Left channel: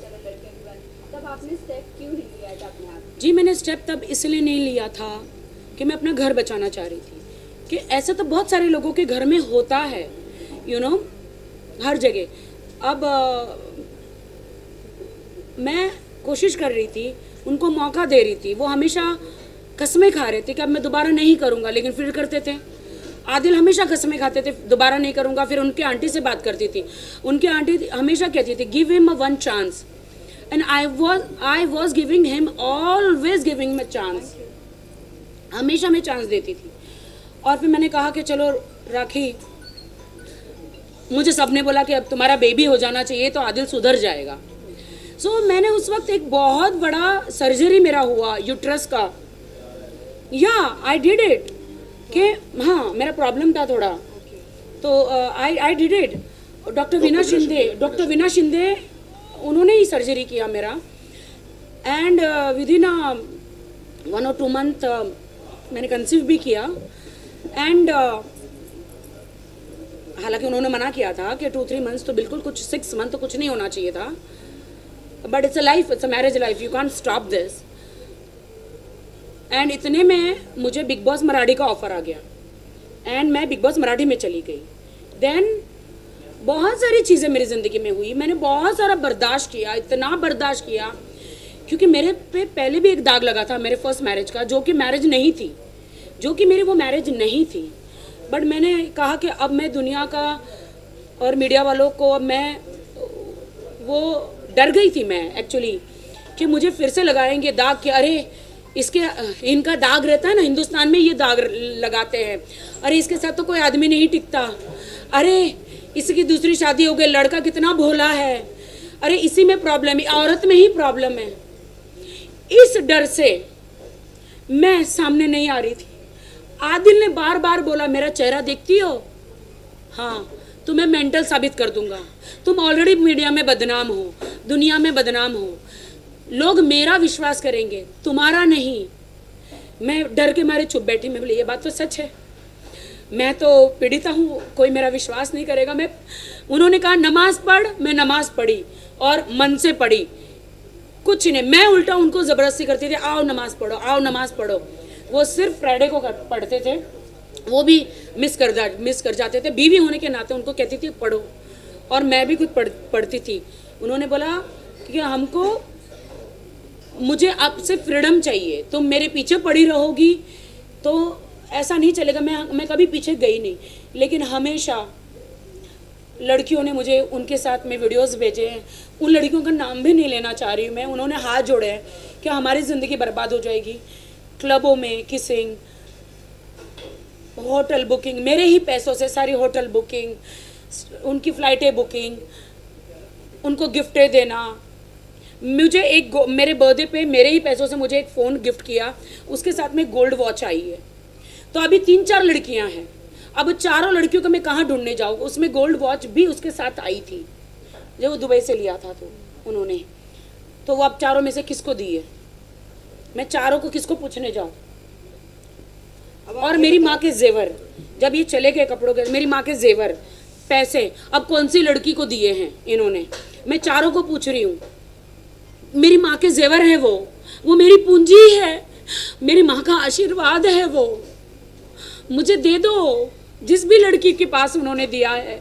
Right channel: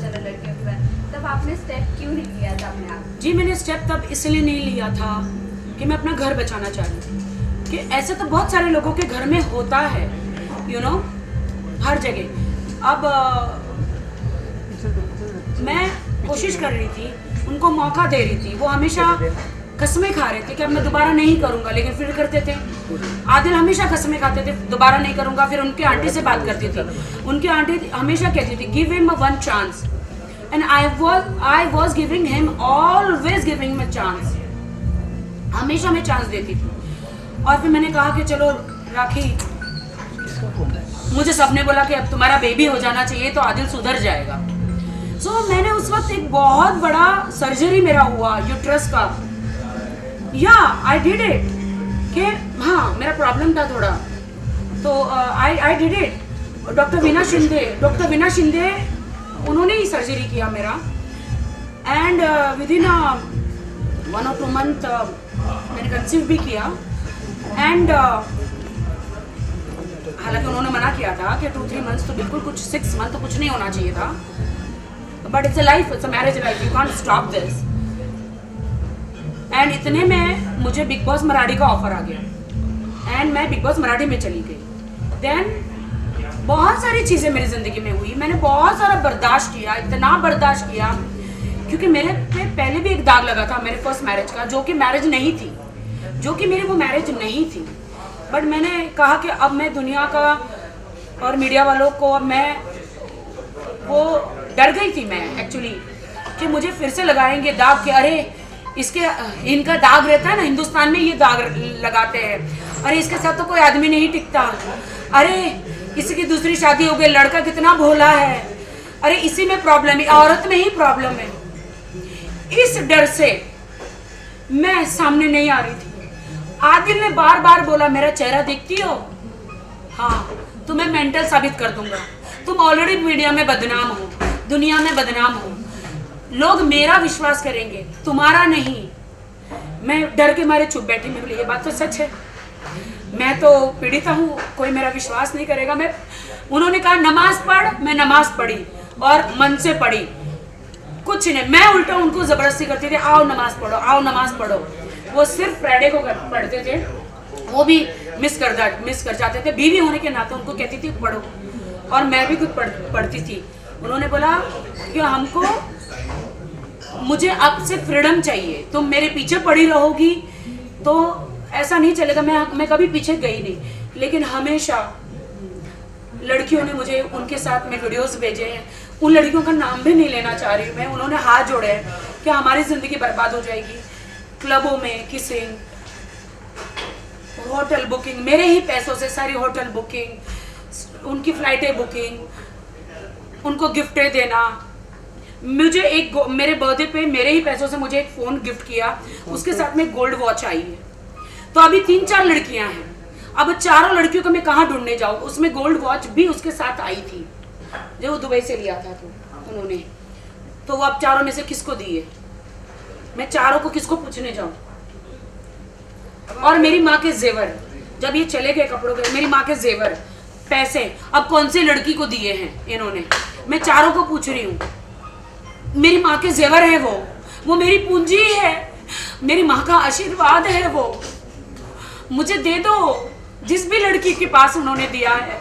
चला लड़कियों के बारे में, तब आपने स्टेप क्यों नहीं लिया था अपने आप? जी मैंने स्टेप तब इसलिए नहीं लिया था कि मैं अपना घर बचाना चाह रही थी, कि ऐसे तो बहुत सारे लोगों के घर में होता है, यू नो, हर जगह। अब मैं कोशिश कर रही थी, उनको मौका दे रही थी, वो हमेशा कसमें खा रहे थे कि अब मैं दोबारा नहीं करूंगा, लेकिन फिर करते थे। आदिल हमेशा कसमें खाते थे दोबारा नहीं करूंगा, फिर उनके आंटी से बात करती थी, उनकी आंटी हमेशा कहती थी give him a one chance, and I was giving him, always giving him a chance, हमेशा मैं चांस देती थी। और फिर मैंने कहा कि चलो राखी, मुझे सबने बोला कि अब तुम्हारा बेबी हो जाना चाहिए तो आदिल सुधर जाएगा। सो मैंने उस वक्त एक बहुत बड़ा सर्जरी मेरा हुआ यूट्रस का, या आई डिड इट, कि हाँ मेरा प्रॉब्लम था थोड़ा, तो I did it. Doctor Veena Shinde उन्होंने ही सर्जरी किया मेरा, and with in 1 or 2 month मैंने कंसीव भी किया। एंड हालांकि उन्होंने मना किया था कि 2-3 months तो बिल्कुल, कुछ 6 month तो कुछ नहीं होना चाहिए था, but it's a life, it's a marriage life, you can't stop this. And इतने में मुझे बिग बॉस मराठी का ऑफर आ गया, एंड मैं बिग बॉस मराठी में चली गई। देन बहुत सारी चीज़ें मेरी ज़िंदगी में हुई, मैंने बहुत सारा बर्दाश्त किया, इतना बर्दाश्त किया, क्योंकि मेरे पे पहले भी एक दाग लगा था मेरे फर्स्ट मैरिज का, जो कि मैरिज नहीं थी, जो कि मेरी वो मैरिज नहीं थी। बट मैंने कहा कि अब मैं दुनिया का और मीडिया वालों को, मैं वो डर गई थी मैं एक्चुअली, कि मुझे फिर से लगाएंगे दाग, कि अरे इसके इनका दाग रहता है ना, हिंदुस्तान में ये दाग लगाते हैं, अरे इसके साथ तो कोई आदमी नहीं टिकता, अरे इसकी दूसरी शादी हो गई, लड़का कितना भोला है, अरे इसी में प्रॉब्लम है, औरत में ही प्रॉब्लम है। इस डर से मैं सामने नहीं आ रही थी। आदिल ने बार बार बोला मेरा चेहरा देखती हो, हाँ तुम्हें मेंटल साबित कर दूंगा, तुम ऑलरेडी मीडिया में बदनाम हो, दुनिया में बदनाम हो, लोग मेरा विश्वास करेंगे तुम्हारा नहीं। मैं डर के मारे चुप बैठी, मैं बोली ये बात तो सच है, मैं तो पीड़िता हूँ, कोई मेरा विश्वास नहीं करेगा। मैं, उन्होंने कहा नमाज पढ़, मैं नमाज पढ़ी और मन से पढ़ी, कुछ नहीं, मैं उल्टा उनको जबरदस्ती करती थी, आओ नमाज पढ़ो, आओ नमाज पढ़ो। वो सिर्फ फ्राइडे को पढ़ते थे, वो भी मिस कर जाते थे, बीवी होने के नाते उनको कहती थी पढ़ो, और मैं भी खुद पढ़ती थी। उन्होंने बोला कि हमको, मुझे अब से फ्रीडम चाहिए, तुम मेरे पीछे पड़ी रहोगी तो ऐसा नहीं चलेगा। मैं कभी पीछे गई नहीं, लेकिन हमेशा लड़कियों ने मुझे, उनके साथ में वीडियोस भेजे हैं, उन लड़कियों का नाम भी नहीं लेना चाह रही मैं, उन्होंने हाथ जोड़े हैं कि हमारी जिंदगी बर्बाद हो जाएगी। क्लबों में किसिंग, होटल बुकिंग, मेरे ही पैसों से सारी होटल बुकिंग, उनकी फ्लाइटें बुकिंग, उनको गिफ्टें देना। मुझे एक, मेरे बर्थडे पे मेरे ही पैसों से मुझे एक फोन गिफ्ट किया, उसके साथ में गोल्ड वॉच आई है। तो अभी 3-4 लड़कियां हैं, अब चारों लड़कियों को मैं कहाँ ढूंढने जाऊँ, उसमें गोल्ड वॉच भी उसके साथ आई थी, जो दुबई से लिया था तो उन्होंने, तो वो अब चारों में से किसको दिए, मैं चारों को किसको पूछने जाऊं। और मेरी माँ के जेवर, जब ये चले गए कपड़ों के, मेरी माँ के जेवर, पैसे अब कौन सी लड़की को दिए हैं इन्होंने, मैं चारों को पूछ रही हूँ। मेरी माँ के जेवर है वो मेरी पूंजी है, मेरी माँ का आशीर्वाद है, वो मुझे दे दो, जिस भी लड़की के पास उन्होंने दिया है।